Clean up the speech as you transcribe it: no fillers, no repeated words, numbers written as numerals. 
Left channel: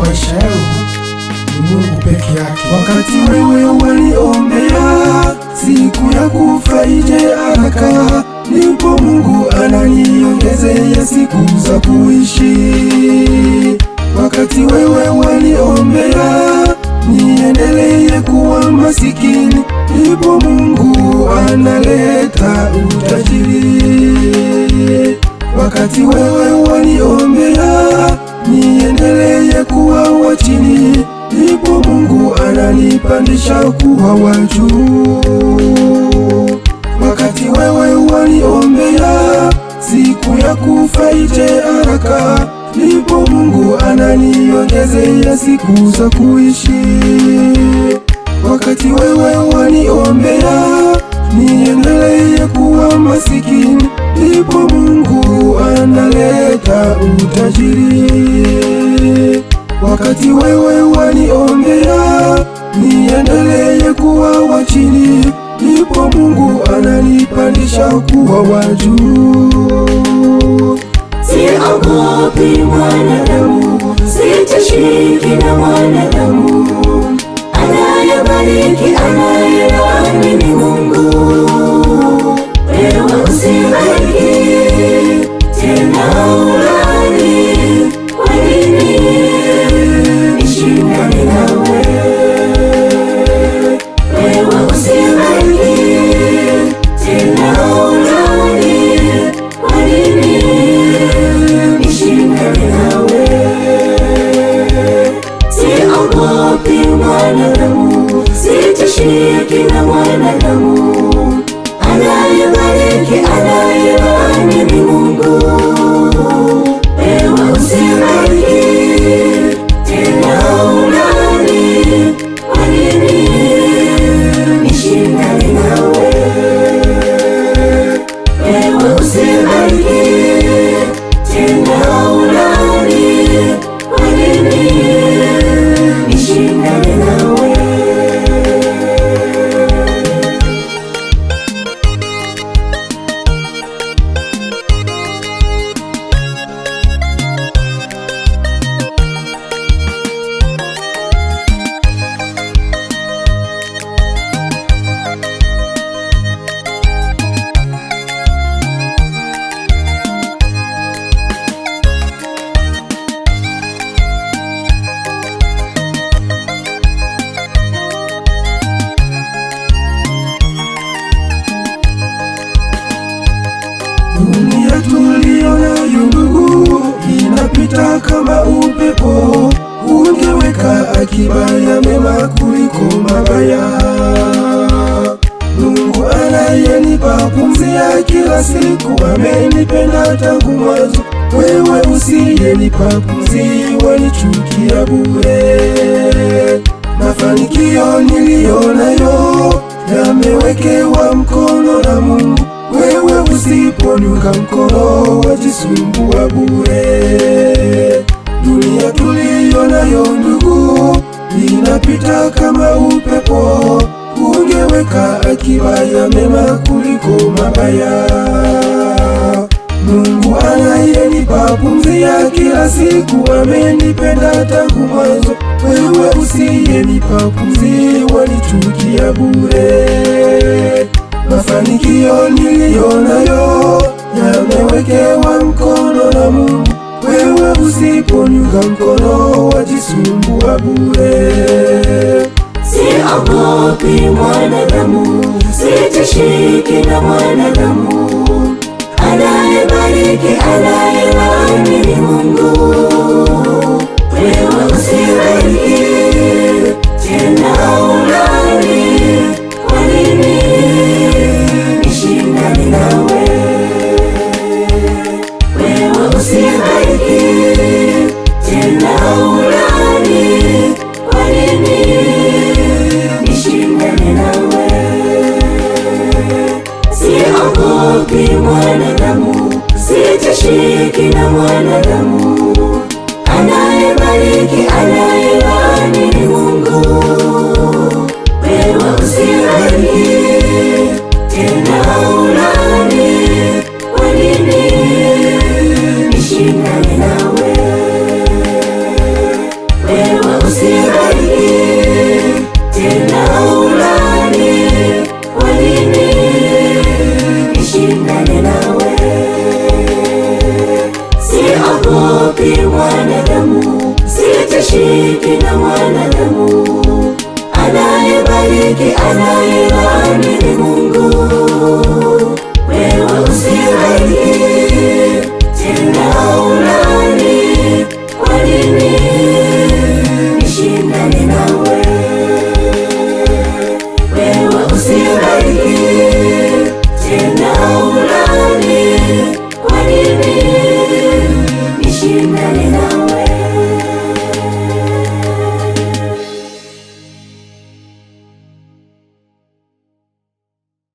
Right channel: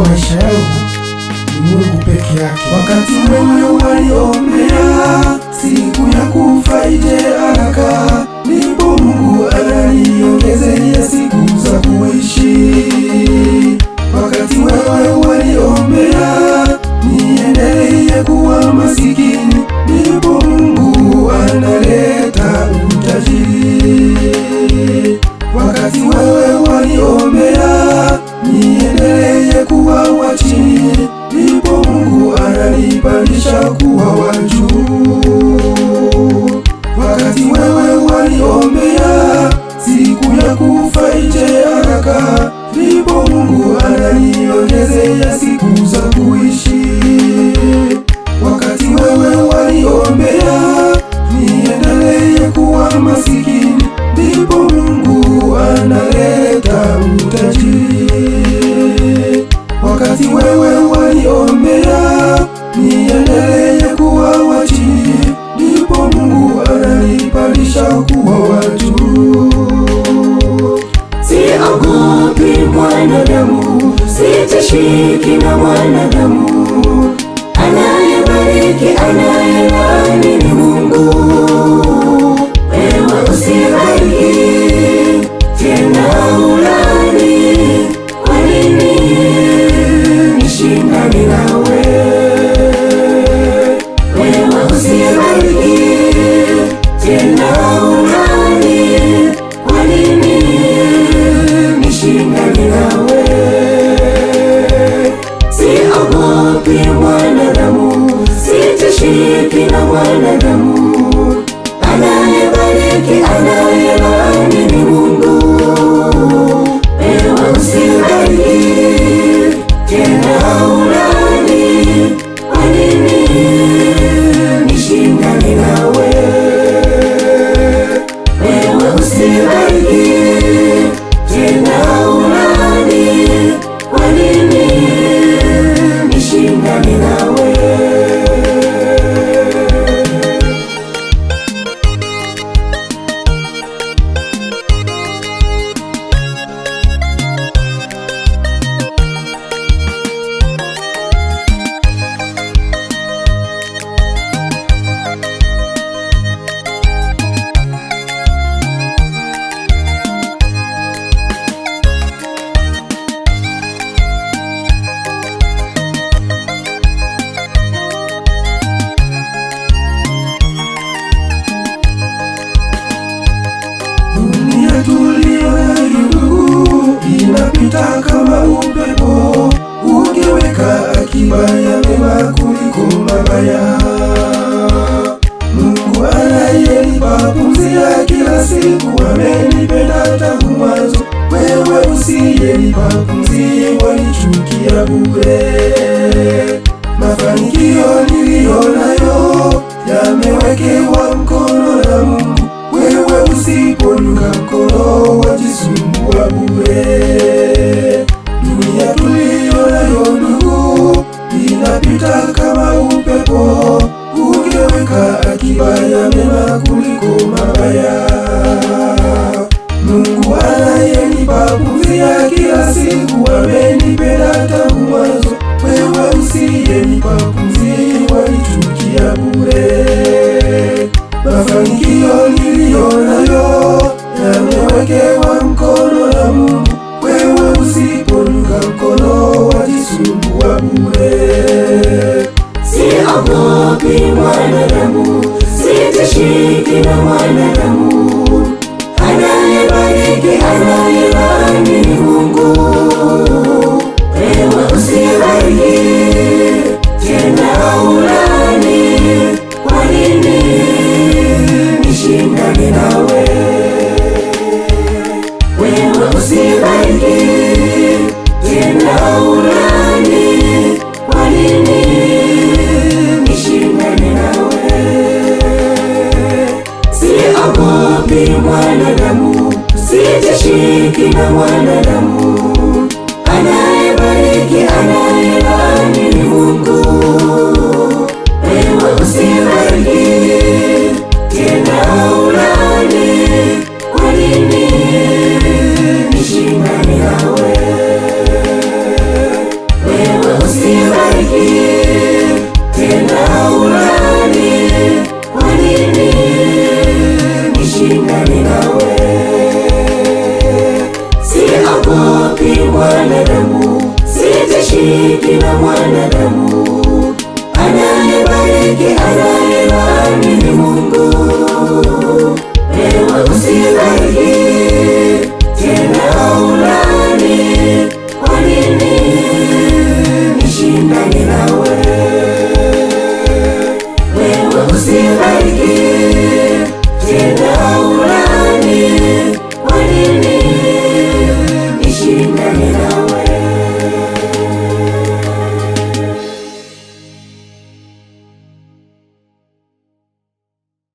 wa maisha yangu ni Mungu peke yake. Wakati wewe waliombea siku ya kufa ije haraka, ndipo Mungu ananiongezea siku za kuishi. Wakati wewe waliombea niendelee kuwa masikini, ndipo Mungu analeta utajiri. Wakati wewe waliombea niendelee kuwa wa chini, ndipo Mungu ananipandisha kuwa wa juu. Wakati wewe waliombea siku ya kufa ije haraka, ndipo Mungu ananiongezea siku za kuishi. Wakati wewe waliombea niendelee kuwa masikini, ndipo Mungu analeta utajiri. Wakati wewe waliombea niendelee kuwa wa chini, ndipo Mungu ananipandisha kuwa wa juu. Siogopi mwanadamu, sitishiki na mwanadamu. Anayebariki, anayelaani ni Mungu. Wewe usibariki tena ulaani, kwa nini nishindane nawe? Wewe usibariki tena ulaani, kwa nini nishindane nawe? Siogopi mwanadamu, sitishiki na mwanadamu. Anayebariki, anayelaani ni Mungu. Wewe usibariki tena ulaani, kwa nini nishindane nawe? Wewe usibariki tena ulaani, kwa nini nishindane nawe? Dunia tuliyonayo ndugu, inapita kama upepo. Ungeweka akiba ya mema kuliko mabaya. Mungu anayenipa pumzi ya kila siku amenipenda tangu mwanzo. Wewe usiyenipa pumzi wanichukia bure. Mafanikio niliyonayo yamewekewa mkono na Mungu. Wewe usipodunga mkono wajisumbua bure. Dunia tuliyonayo ndugu, inapita kama upepo. Ungeweka akiba ya mema kuliko mabaya. Mungu anayenipa pumzi ya kila siku amenipenda tangu mwanzo. Wewe usiyenipa pumzi wanichukia bure. Mafanikio niliyonayo yamewekewa mkono na Mungu. Wewe usipodunga mkono wajisumbua bure. Siogopi mwanadamu, sitishiki na mwanadamu. Anayebariki, anayelaani ni Mungu. Wewe usibariki tena ulaani, kwa nini nishindane nawe? Wewe usibariki tena ulaani, kwa nini nishindane nawe? Siogopi peke ana